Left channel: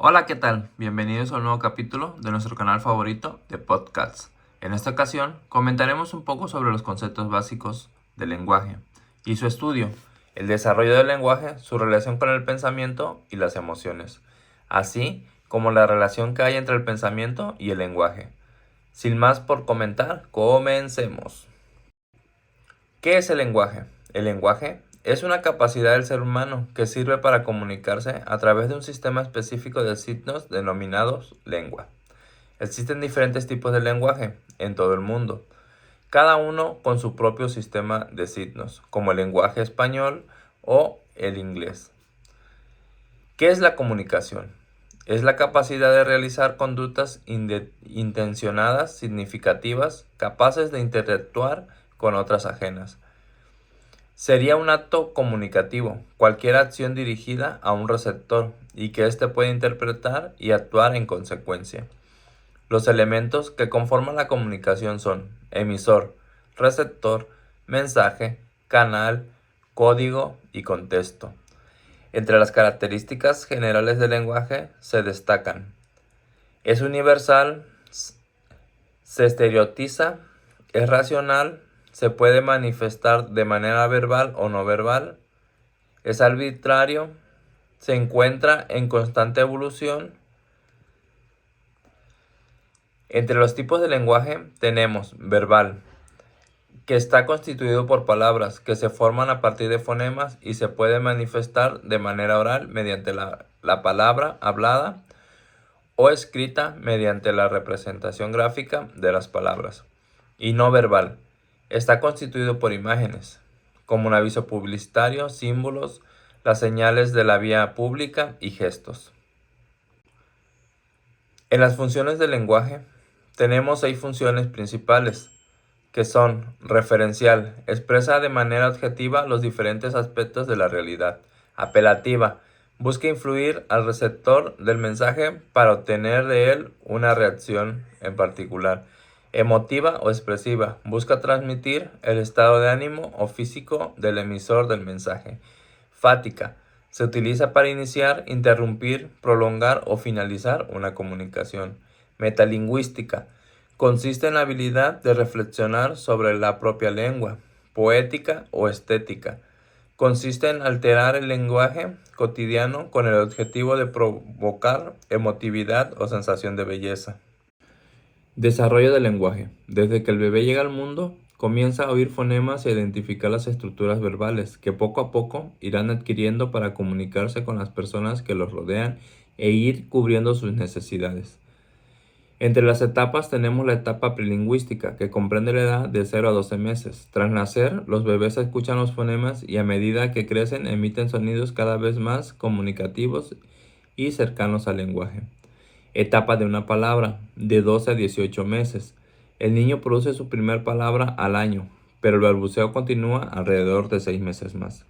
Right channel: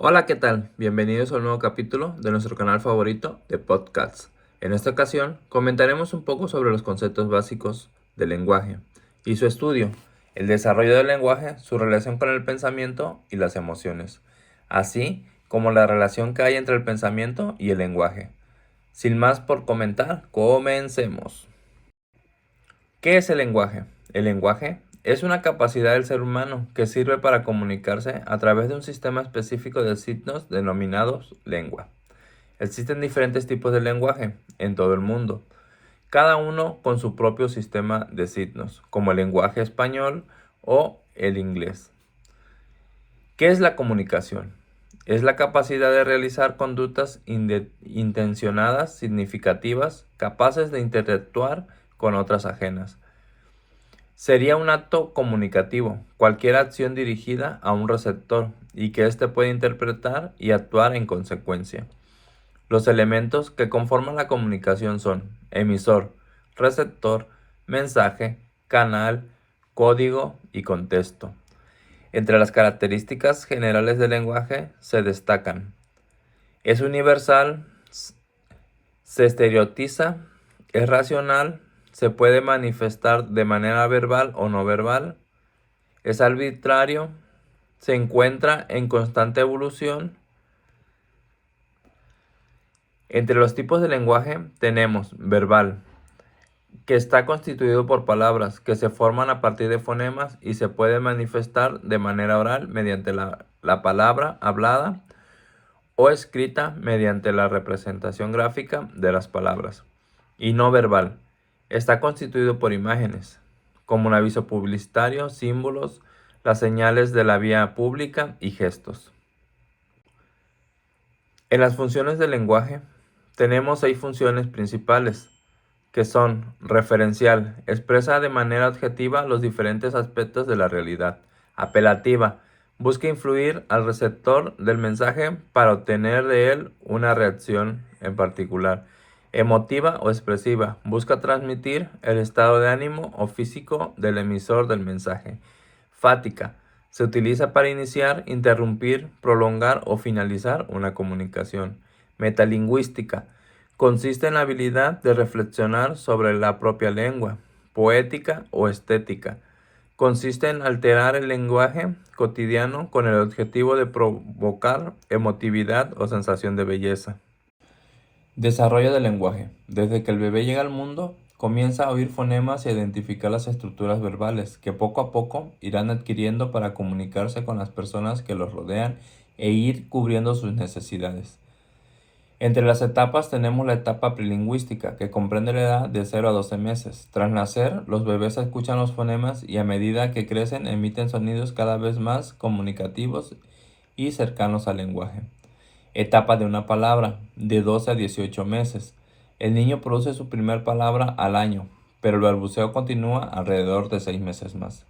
Hola, ¿qué tal? Bienvenidos a un nuevo capítulo de nuestro canal favorito de podcasts. En esta ocasión comentaremos un poco sobre los conceptos básicos del lenguaje y su estudio, el desarrollo del lenguaje, su relación con el pensamiento y las emociones, así como la relación que hay entre el pensamiento y el lenguaje. Sin más por comentar, comencemos. ¿Qué es el lenguaje? El lenguaje es una capacidad del ser humano que sirve para comunicarse a través de un sistema específico de signos denominados lengua. Existen diferentes tipos de lenguaje en todo el mundo, cada uno con su propio sistema de signos, como el lenguaje español o el inglés. ¿Qué es la comunicación? Es la capacidad de realizar conductas intencionadas, significativas, capaces de interactuar con otras ajenas. Sería un acto comunicativo, cualquier acción dirigida a un receptor y que éste puede interpretar y actuar en consecuencia. Los elementos que conforman la comunicación son emisor, receptor, mensaje, canal, código y contexto. Entre las características generales del lenguaje se destacan: es universal, se estereotiza, es racional, se puede manifestar de manera verbal o no verbal, es arbitrario, se encuentra en constante evolución. Entre los tipos de lenguaje tenemos verbal, que está constituido por palabras que se forman a partir de fonemas y se puede manifestar de manera oral mediante la palabra hablada o escrita mediante la representación gráfica de las palabras. Y no verbal, está constituido por imágenes, como un aviso publicitario, símbolos, las señales de la vía pública y gestos. En las funciones del lenguaje tenemos 6 funciones principales, que son: referencial, expresa de manera objetiva los diferentes aspectos de la realidad; apelativa, busca influir al receptor del mensaje para obtener de él una reacción en particular; emotiva o expresiva, busca transmitir el estado de ánimo o físico del emisor del mensaje; fática, se utiliza para iniciar, interrumpir, prolongar o finalizar una comunicación; metalingüística, consiste en la habilidad de reflexionar sobre la propia lengua; poética o estética, consiste en alterar el lenguaje cotidiano con el objetivo de provocar emotividad o sensación de belleza. Desarrollo del lenguaje. Desde que el bebé llega al mundo, comienza a oír fonemas y a identificar las estructuras verbales que poco a poco irán adquiriendo para comunicarse con las personas que los rodean e ir cubriendo sus necesidades. Entre las etapas tenemos la etapa prelingüística, que comprende la edad de 0 a 12 meses. Tras nacer, los bebés escuchan los fonemas y a medida que crecen emiten sonidos cada vez más comunicativos y cercanos al lenguaje. Etapa de una palabra, de 12 a 18 meses. El niño produce su primer palabra al año, pero el balbuceo continúa alrededor de 6 meses más.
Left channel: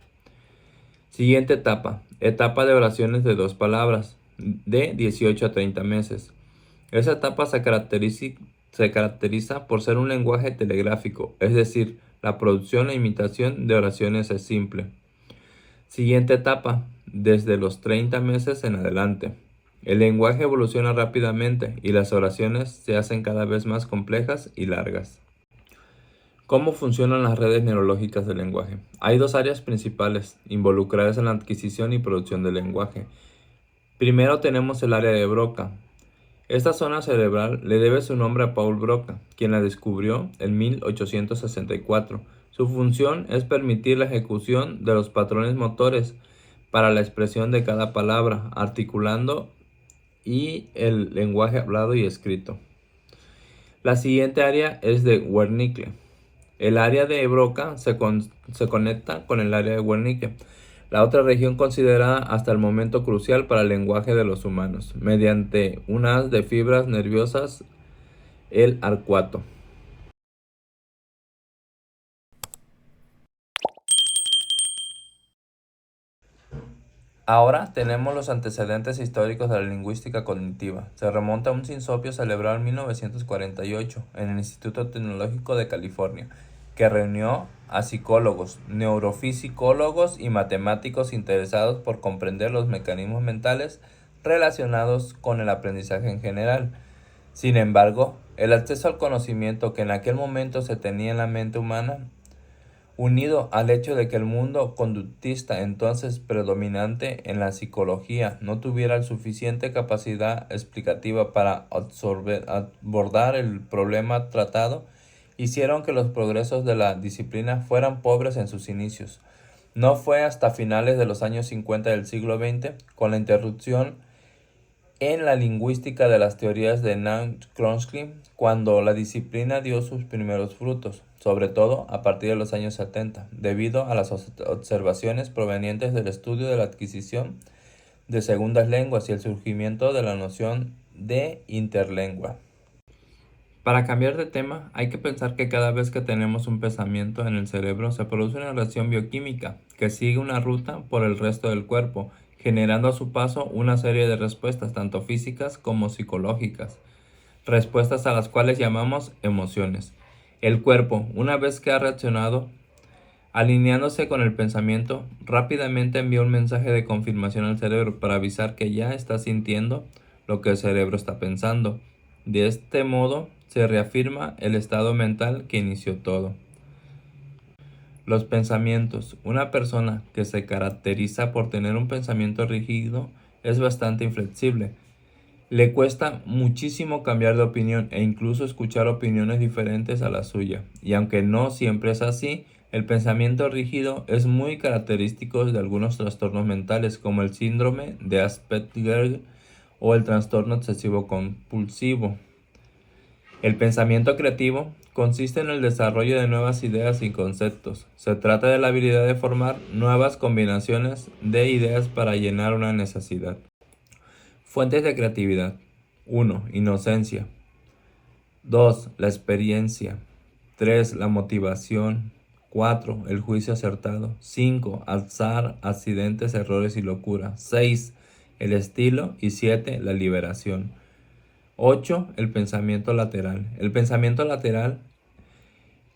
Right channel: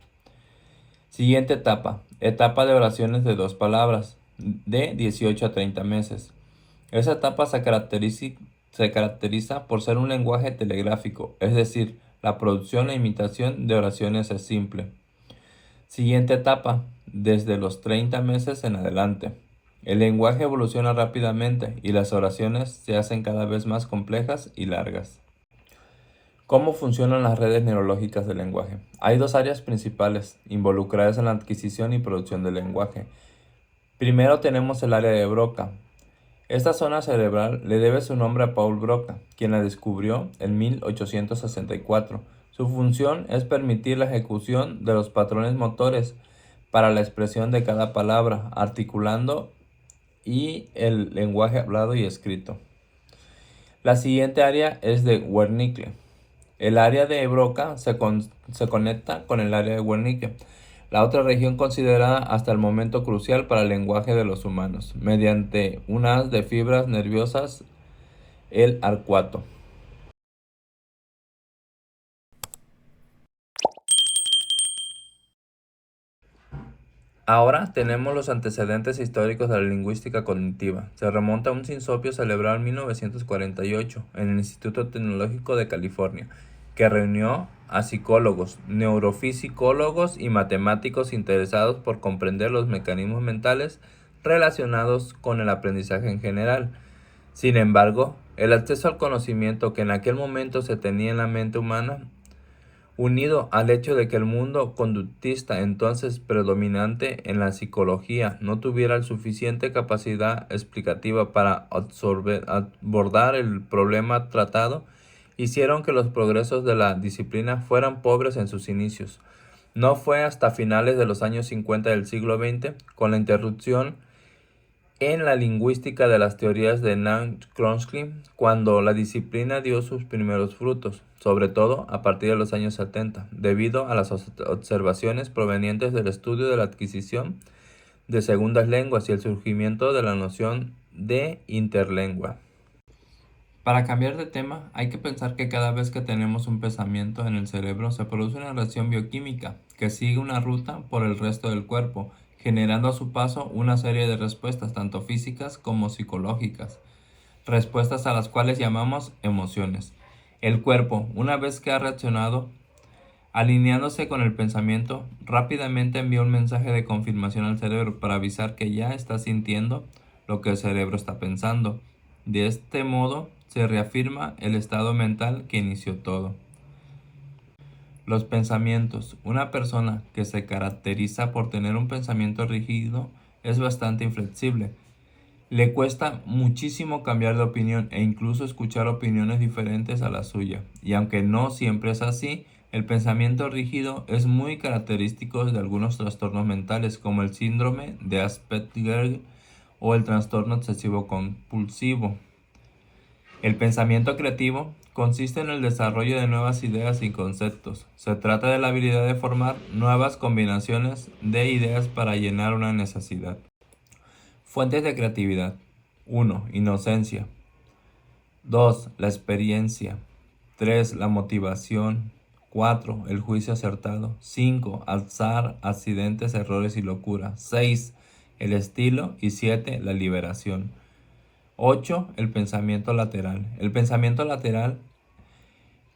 Siguiente etapa, etapa de oraciones de 2 palabras, de 18 a 30 meses. Esa etapa se caracteriza por ser un lenguaje telegráfico, es decir, la producción e imitación de oraciones es simple. Siguiente etapa, desde los 30 meses en adelante. El lenguaje evoluciona rápidamente y las oraciones se hacen cada vez más complejas y largas. ¿Cómo funcionan las redes neurológicas del lenguaje? Hay 2 áreas principales involucradas en la adquisición y producción del lenguaje. Primero tenemos el área de Broca. Esta zona cerebral le debe su nombre a Paul Broca, quien la descubrió en 1864. Su función es permitir la ejecución de los patrones motores para la expresión de cada palabra, articulando y el lenguaje hablado y escrito. La siguiente área es de Wernicke. El área de Broca se conecta con el área de Wernicke, la otra región considerada hasta el momento crucial para el lenguaje de los humanos, mediante un haz de fibras nerviosas, el arcuato. Ahora tenemos los antecedentes históricos de la lingüística cognitiva. Se remonta a un sinsopio celebrado en 1948 en el Instituto Tecnológico de California, que reunió a psicólogos, neurofisicólogos y matemáticos interesados por comprender los mecanismos mentales relacionados con el aprendizaje en general. Sin embargo, el acceso al conocimiento que en aquel momento se tenía en la mente humana, unido al hecho de que el mundo conductista entonces predominante en la psicología no tuviera la suficiente capacidad explicativa para abordar el problema tratado, hicieron que los progresos de la disciplina fueran pobres en sus inicios. No fue hasta finales de los años 50 del siglo XX, con la interrupción en la lingüística de las teorías de Noam Chomsky, cuando la disciplina dio sus primeros frutos, sobre todo a partir de los años 70, debido a las observaciones provenientes del estudio de la adquisición de segundas lenguas y el surgimiento de la noción de interlengua. Para cambiar de tema, hay que pensar que cada vez que tenemos un pensamiento en el cerebro se produce una reacción bioquímica que sigue una ruta por el resto del cuerpo, generando a su paso una serie de respuestas tanto físicas como psicológicas, respuestas a las cuales llamamos emociones. El cuerpo, una vez que ha reaccionado, alineándose con el pensamiento, rápidamente envía un mensaje de confirmación al cerebro para avisar que ya está sintiendo lo que el cerebro está pensando. De este modo, se reafirma el estado mental que inició todo. Los pensamientos. Una persona que se caracteriza por tener un pensamiento rígido es bastante inflexible. Le cuesta muchísimo cambiar de opinión e incluso escuchar opiniones diferentes a la suya. Y aunque no siempre es así, el pensamiento rígido es muy característico de algunos trastornos mentales como el síndrome de Asperger o el trastorno obsesivo compulsivo. El pensamiento creativo consiste en el desarrollo de nuevas ideas y conceptos. Se trata de la habilidad de formar nuevas combinaciones de ideas para llenar una necesidad. Fuentes de creatividad. 1. Inocencia. 2. La experiencia. 3. La motivación. 4. El juicio acertado. 5. Azar, accidentes, errores y locura. 6. El estilo. Y 7. La liberación. 8. El pensamiento lateral. El pensamiento lateral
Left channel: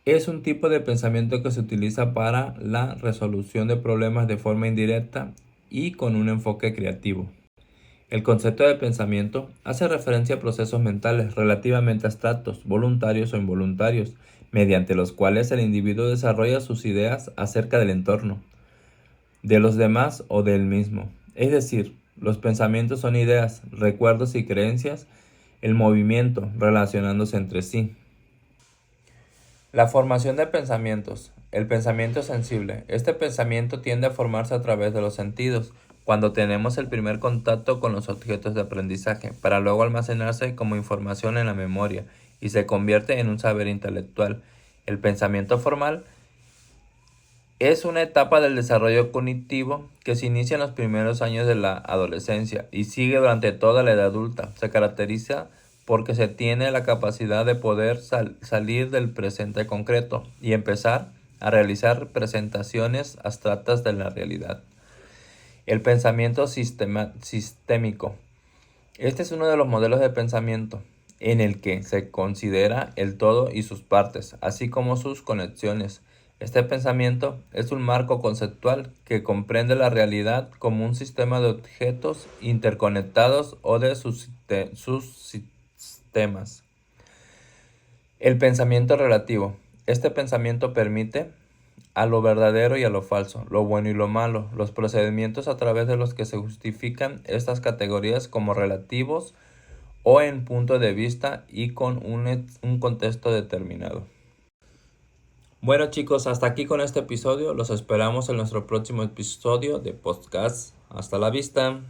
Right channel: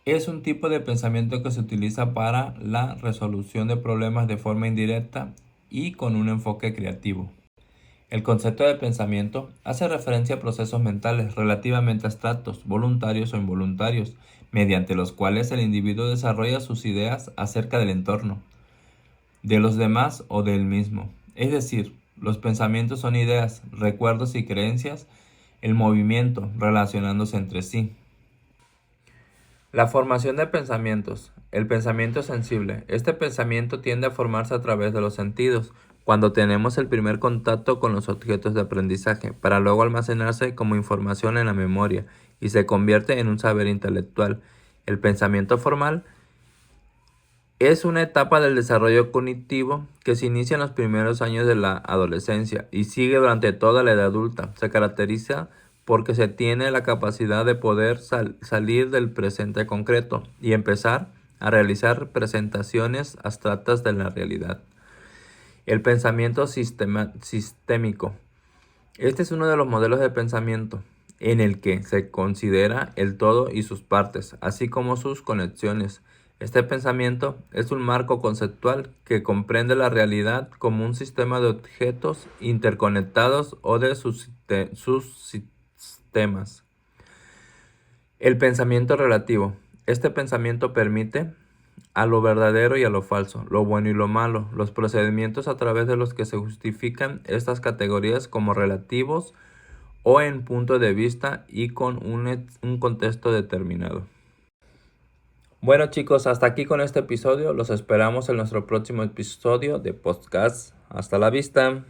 es un tipo de pensamiento que se utiliza para la resolución de problemas de forma indirecta y con un enfoque creativo. El concepto de pensamiento hace referencia a procesos mentales relativamente abstractos, voluntarios o involuntarios, mediante los cuales el individuo desarrolla sus ideas acerca del entorno, de los demás o de él mismo. Es decir, los pensamientos son ideas, recuerdos y creencias, el movimiento relacionándose entre sí. La formación de pensamientos. El pensamiento sensible. Este pensamiento tiende a formarse a través de los sentidos, cuando tenemos el primer contacto con los objetos de aprendizaje, para luego almacenarse como información en la memoria y se convierte en un saber intelectual. El pensamiento formal es una etapa del desarrollo cognitivo que se inicia en los primeros años de la adolescencia y sigue durante toda la edad adulta. Se caracteriza porque se tiene la capacidad de poder salir del presente concreto y empezar a realizar representaciones abstractas de la realidad. El pensamiento sistémico. Este es uno de los modelos de pensamiento en el que se considera el todo y sus partes, así como sus conexiones. Este pensamiento es un marco conceptual que comprende la realidad como un sistema de objetos interconectados o de sus sistemas. El pensamiento relativo. Este pensamiento permite a lo verdadero y a lo falso, lo bueno y lo malo, los procedimientos a través de los que se justifican estas categorías como relativos o en punto de vista y con un contexto determinado. Bueno chicos, hasta aquí con este episodio. Los esperamos en nuestro próximo episodio de podcast. Hasta la vista.